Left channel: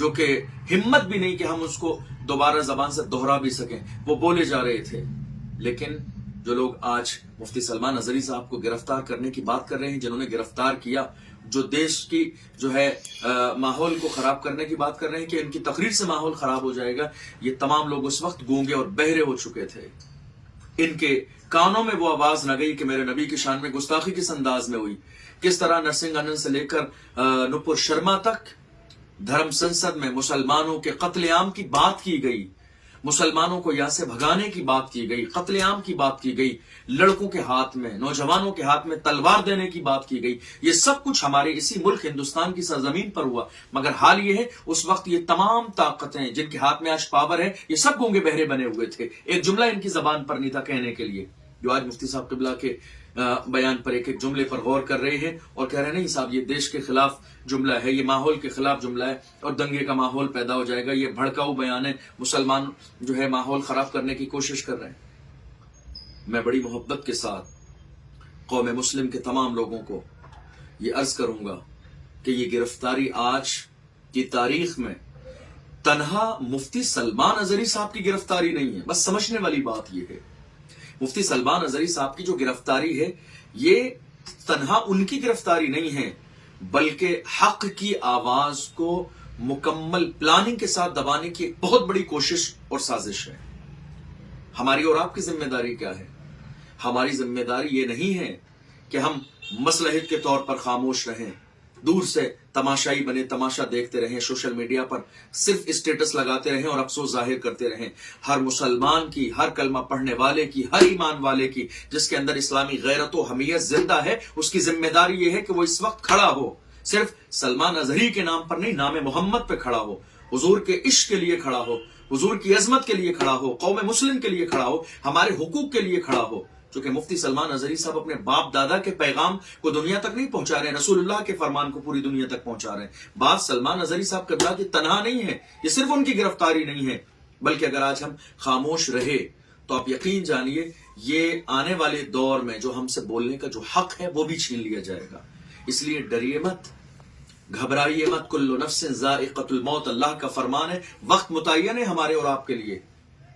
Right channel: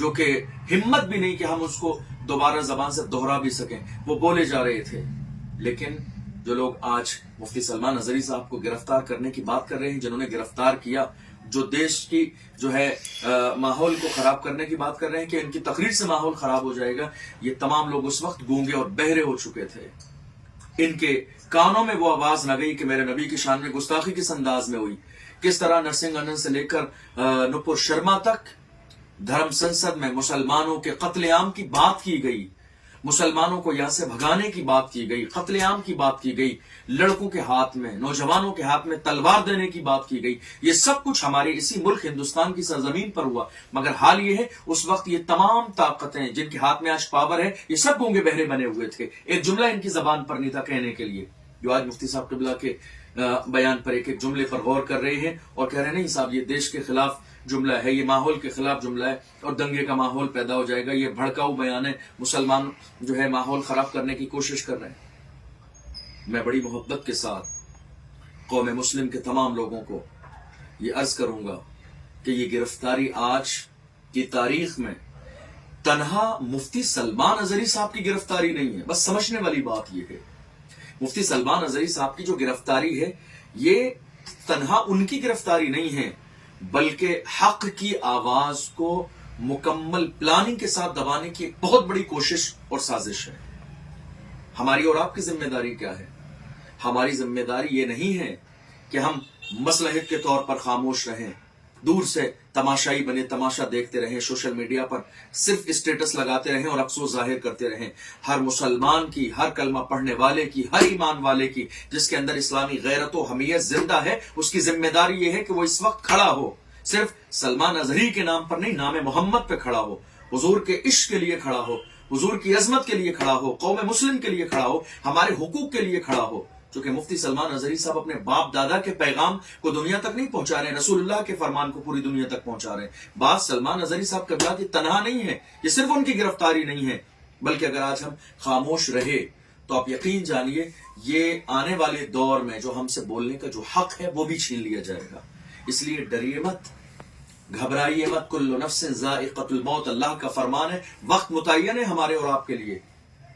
جو کہ ہمت بھی نہیں کہ ہم اس کو دوبارہ زبان سے دوہرا بھی سکیں، وہ بولے جا رہے تھے۔ لیکن جو لوگ آج مفتی سلمان اظہری صاحب کو گرفتار کرنے کی بات کر رہے ہیں، جنہوں نے گرفتار کیا، جو دیش کی جو ہے ماحول کو خراب کرنے کی بات کر رہے ہیں کہ ان کی تقریر سے ماحول خراب ہو جائے گا، یہ تمام لوگ اس وقت گونگے اور بہرے ہو چکے تھے۔ ان کے کانوں میں وہ آواز نہ گئی کہ میرے نبی کی شان میں گستاخی کس انداز میں ہوئی، کس طرح نرسنگ آنند سے لے کر نپور شرما تک دھرم سنسد میں مسلمانوں کے قتل عام کی بات کی گئی، مسلمانوں کو یہاں سے بھگانے کی بات کی گئی، قتل عام کی بات کی گئی، لڑکوں کے ہاتھ میں، نوجوانوں کے ہاتھ میں تلوار دینے کی بات کی گئی۔ یہ سب کچھ ہمارے اسی ملک ہندوستان کی سرزمین پر ہوا، مگر حال یہ ہے اس وقت یہ تمام طاقتیں جن کے ہاتھ میں آج پاور ہے، یہ سب گونگے بہرے بنے ہوئے تھے۔ ایک جملہ ان کی زبان پر نہیں تھا کہنے کے لیے، جو آج مفتی صاحب قبلہ کے بیان پر ایک ایک جملے پر غور کر رہے ہیں اور کہہ رہے ہیں نہیں صاحب یہ دیش کے خلاف جملہ ہے، یہ ماحول کے خلاف جملہ ہے اور دنگے کا ماحول پیدا ہو جائے گا، یہ بھڑکاؤ بیان ہے، مسلمان جو ہے ماحول خراب کرنے کی کوشش کر رہے ہیں۔ میں بڑی محبت کے ساتھ قوم مسلم کے تمام لوگوں کو یہ عرض کروں گا کہ یہ گرفتاری آج کی تاریخ میں تنہا مفتی سلمان اظہری صاحب کی گرفتاری نہیں ہے، بس سمجھنے والی بات یہ ہے، مفتی سلمان اظہری صاحب کی جو گرفتاری ہے یہ تنہا ان کی گرفتاری نہیں ہے، بلکہ حق کی آواز کو مکمل پلاننگ کے ساتھ دبانے کی ایک بہت بڑی کوشش اور سازش ہے۔ ہماری اور آپ کی ذمہ داری کیا ہے؟ ہماری ذمہ داری یہ نہیں ہے کہ ہم مصلحت کے طور پر خاموش رہیں، دور سے تماشائی بنے، تماشا دیکھتے رہیں، سوشل میڈیا پر صرف اسٹیٹس لگاتے رہیں اور افسوس ظاہر کرتے رہیں۔ ہر مسلمان کی، ہر کلمہ پڑھنے والے کی، ہر ایمان والے کی جس کے اندر اسلامی غیرت و حمیت زندہ ہے، اس کی ذمہ داری یہ ہے کہ وہ اس وقت کھڑا ہو، صرف سلمان اظہری کے نام پر نہیں، نام محمد پہ کھڑا ہو، حضور کے عشق کے لیے کھڑا ہو، حضور کی عظمت کے لیے کھڑا ہو، قوم مسلم کے لیے کھڑا ہو، ہمارے حقوق کے لیے کھڑا ہو۔ چونکہ مفتی سلمان اظہری صاحب اپنے باپ دادا کے پیغام کو دنیا تک نہیں پہنچا رہے ہیں، رسول اللہ کے فرمان کو پوری دنیا تک پہنچا رہے ہیں۔ بات سلمان اظہری صاحب قبلہ کی تنہا نہیں ہے، یہ صرف ان کی گرفتاری نہیں ہے، بلکہ اگر آج ہم خاموش رہے تو آپ یقین جانیے یہ آنے والے دور میں جو ہم سے بولنے کا جو حق ہے وہ بھی چھین لیا جائے گا۔ اس لیے ڈریے مت، گھبرائیے مت، کل نفس ذائقۃ الموت، اللہ کا فرمان ہے، وقت متعین ہے ہمارے اور آپ کے لیے۔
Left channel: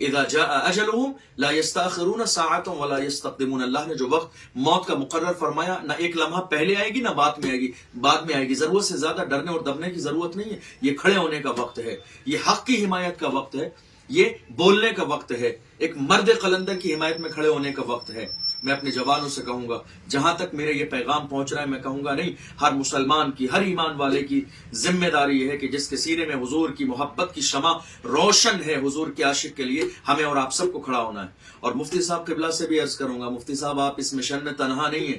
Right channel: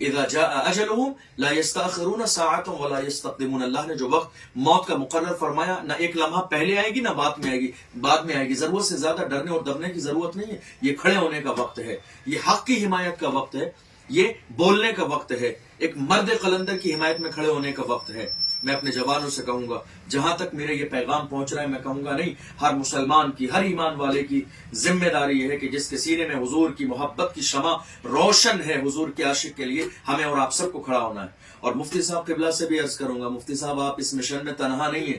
اذا جاء اجلهم لا يستاخرون ساعة ولا يستقدمون، اللہ نے جو وقت موت کا مقرر فرمایا، نہ ایک لمحہ پہلے آئے گی نہ بعد میں آئے گی۔ ضرورت سے زیادہ ڈرنے اور دبنے کی ضرورت نہیں ہے، یہ کھڑے ہونے کا وقت ہے، یہ حق کی حمایت کا وقت ہے، یہ بولنے کا وقت ہے، ایک مرد قلندر کی حمایت میں کھڑے ہونے کا وقت ہے۔ میں اپنے جوانوں سے کہوں گا، جہاں تک میرے یہ پیغام پہنچ رہا ہے، میں کہوں گا نہیں، ہر مسلمان کی، ہر ایمان والے کی ذمہ داری یہ ہے کہ جس کے سینے میں حضور کی محبت کی شمع روشن ہے، حضور کے عاشق کے لیے ہمیں اور آپ سب کو کھڑا ہونا ہے۔ اور مفتی صاحب قبلہ سے بھی عرض کروں گا، مفتی صاحب آپ اس مشن میں تنہا نہیں ہیں،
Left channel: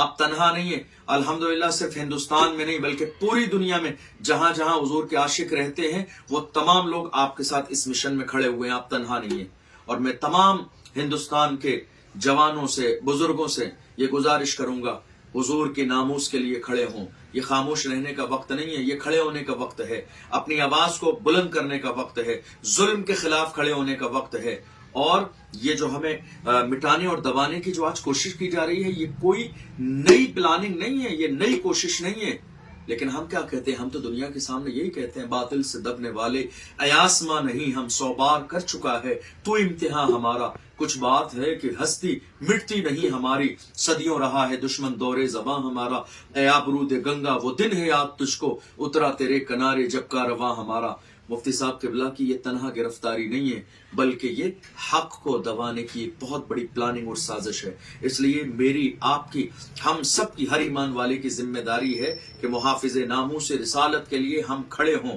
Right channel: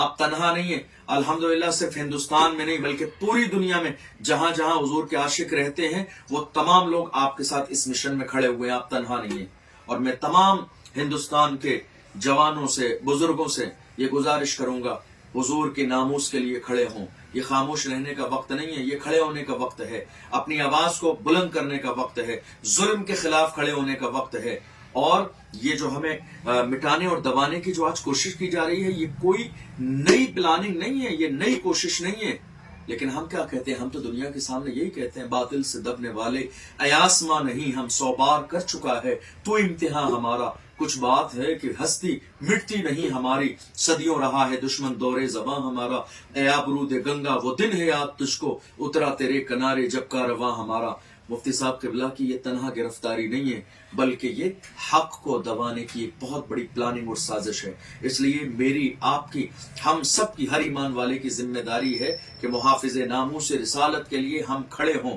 آپ تنہا نہیں ہیں، الحمدللہ صرف ہندوستان میں نہیں بلکہ پوری دنیا میں جہاں جہاں حضور کے عاشق رہتے ہیں وہ تمام لوگ آپ کے ساتھ اس مشن میں کھڑے ہوئے ہیں، آپ تنہا نہیں ہیں۔ اور میں تمام ہندوستان کے جوانوں سے، بزرگوں سے یہ گزارش کروں گا، حضور کے ناموس کے لیے کھڑے ہوں۔ یہ خاموش رہنے کا وقت نہیں ہے، یہ کھڑے ہونے کا وقت ہے، اپنی آواز کو بلند کرنے کا وقت ہے، ظلم کے خلاف کھڑے ہونے کا وقت ہے۔ اور یہ جو ہمیں مٹانے اور دبانے کی جو آج کوشش کی جا رہی ہے، یہ کوئی نئی پلاننگ نہیں ہے، یہ نئی کوشش نہیں ہے، لیکن ہم کیا کہتے ہیں؟ ہم تو دنیا کے سامنے یہی کہتے ہیں، باطل سے دبنے والے ایاسما نہیں، ہم 100 بار کر چکا ہے تو امتحان ہمارا، کچھ بات ہے کہ ہستی مٹتی نہیں ہماری، صدیوں رہا ہے دشمن دورے زباں ہمارا، اے آبرود گنگا وہ دن ہے یاد تجھ کو، اترا تیرے کنارے جب کا رواں ہمارا۔ مفتی صاحب قبلہ کی یہ تنہا گرفتاری نہیں ہے، بلکہ یہ حق کو دبانے کی ایک بہت بڑی پلاننگ اور سازش ہے۔ اس لیے میری، آپ کی، ہم سب کی، ہر ایمان والے کی ذمہ داری ہے کہ محافظ ناموس رسالت کے لیے ہم کھڑے ہوں۔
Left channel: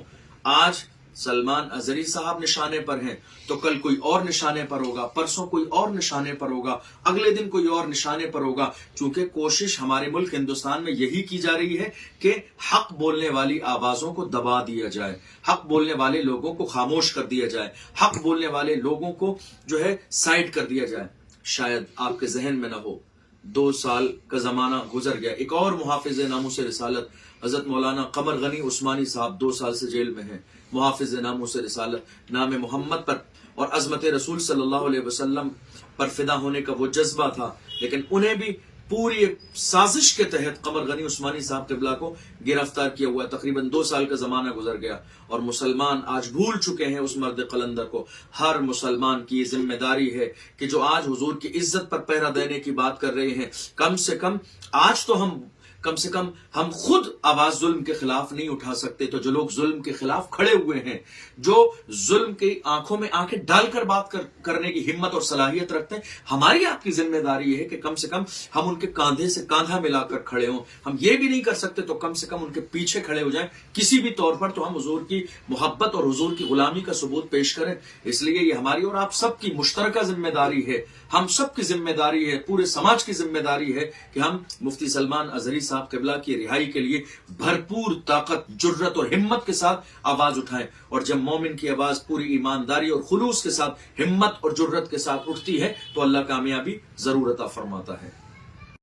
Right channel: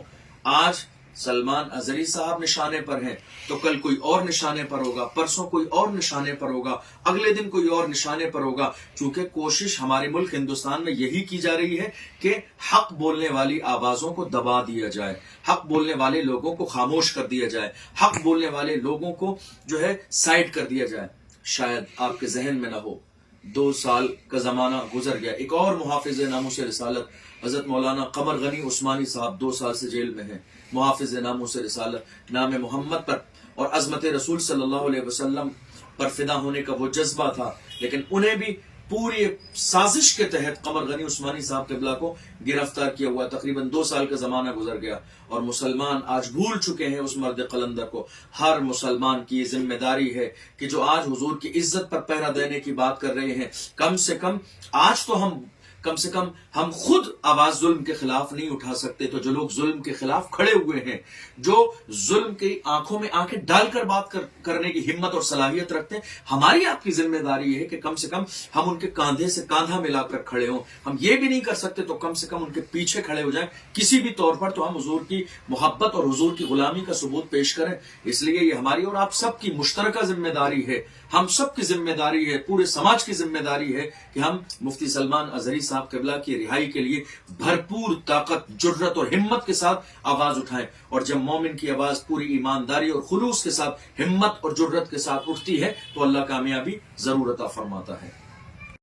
آج سلمان اظہری صاحب نشانے پر ہیں تو کل کوئی اور نشانے پر ہوگا، پرسوں کوئی اور نشانے پر ہوگا، اگلے دن کوئی اور نشانے پر ہوگا، چونکہ کوشش ہمارے ملک ہندوستان میں یہی کی جا رہی ہے کہ حق بولنے والی آوازوں کو دبا دیا جائے، حق بولنے والے لوگوں کو خاموش کر دیا جائے، حق بولنے والے لوگوں کو جو ہے سائڈ کر دیا جائے۔ شاید آپ کے ذہن میں نہ ہو، 2 سال کا زمانہ گزر گیا، ایک اور محافظ ناموس رسالت حضرت مولانا قمر غنی عثمانی صاحب 2 سال سے جیل میں ہیں۔ محافظ ناموس رسالت، نام محمد پر اور عظمت رسول صلی اللہ علیہ وسلم پر فدا ہونے کا وہ جذبہ تھا، لیکن انہیں بھی پوری ایک سازش کے تحت قمر غنی عثمانی صاحب قبلہ کو گرفتار کیا ہوا ہے. تقریباً 2 سال کا زمانہ گزر گیا اور مسلمان آج بھول چکے ہیں اس مرد قلندر کو. ہر مسلمان کی یہ ذمہ داری ہے کہ جو آج حضور کی عزت پر پہرا دینے کی بات کر رہے ہیں، کم سے کم آج تو ہم خود آواز ظلم کے خلاف نہیں اٹھا سکتے، تو جو لوگ ظلم کے خلاف کھڑے ہوئے ہیں، جو ظلم کی آنکھوں میں آنکھیں ڈال کر بات کرنے کی ہمت اور صلاحیت رکھتے ہیں، ہماری آپ کی ذمہ داری ہے کہ کم سے کم ہم ان کے کاندھے سے کاندھا ملا کر کھڑے ہوں. ہم یہ بھی نہیں کر سکتے تو کم سے کم ان کے پیچھے کھڑے ہو جائیں کسی بھی طور پر، تو ہم حضور کی محبت اور حضور کی غلامی کا ثبوت پیش کریں. اس لیے یہ ہماری اور آپ سب کی مشترکہ ذمہ داری ہے، ہم سب کی ذمہ داری ہے، پورے سماج کی ذمہ داری ہے کہ ہم مفتی سلمان اظہری صاحب قبلہ کی رہائی کے لیے بھرپور طاقت، جرت اور ہمت کے ساتھ آواز اٹھائیں. اور جب مومن کی آواز پوری ایمانداری اور خلوص کے ساتھ، ہمت اور جرت کے ساتھ اٹھتی ہے تو اللہ کامیابی ضرور عطا فرماتا ہے.